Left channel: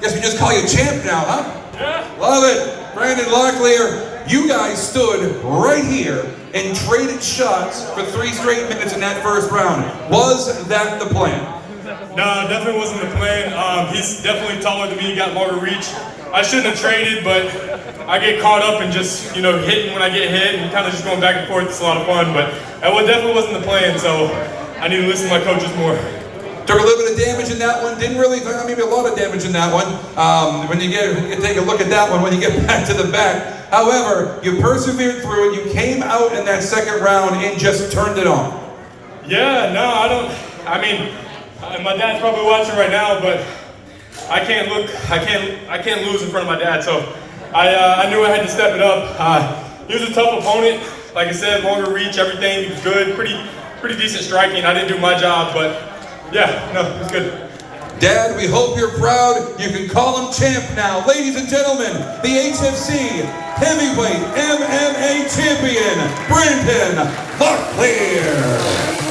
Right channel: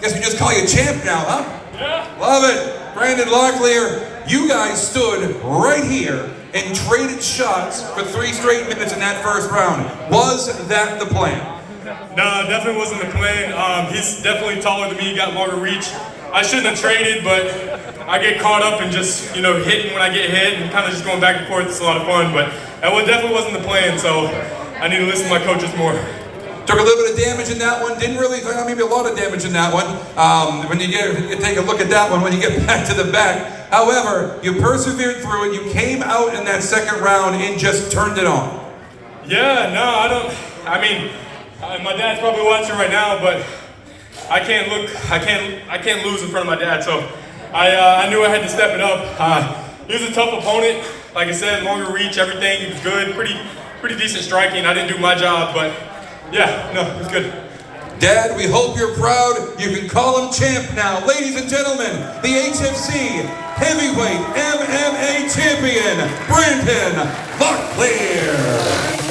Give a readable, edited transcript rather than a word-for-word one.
Guess we just call you champ now, huh? Yeah. Love it. Brandon Locklear, you guys stood right here and traded shots for 3 straight minutes in that first round. Was that the plan? No, definitely wasn't the plan. He's definitely taller than me, got longer reach. I shouldn't have traded, but I get caught up and just, hitting when I get hit and kind of just going back and forth. It's a lot of fun, but that definitely wasn't the plan, so I need to listen to my coaches more. Took a little bit of damage in that one. Didn't really, maybe a lot of damage in that one. When you take a look at that one, when you get back to the back. However, you persevered through it. You came out in that second round and just turned it on. Yeah, no, my dad's probably watching right now, but I can't lose in front of my dad. So I knew I had to step it up. He was a tough opponent. Like I said, longer reach, everything. He was good, pretty decent striking. I didn't do my job, but yeah, no, it was good. Dad, we hope you're proud. You can call him champ now. Ladies and gentlemen, the HFC Heavyweight MMA Champion, Brandon Locklear.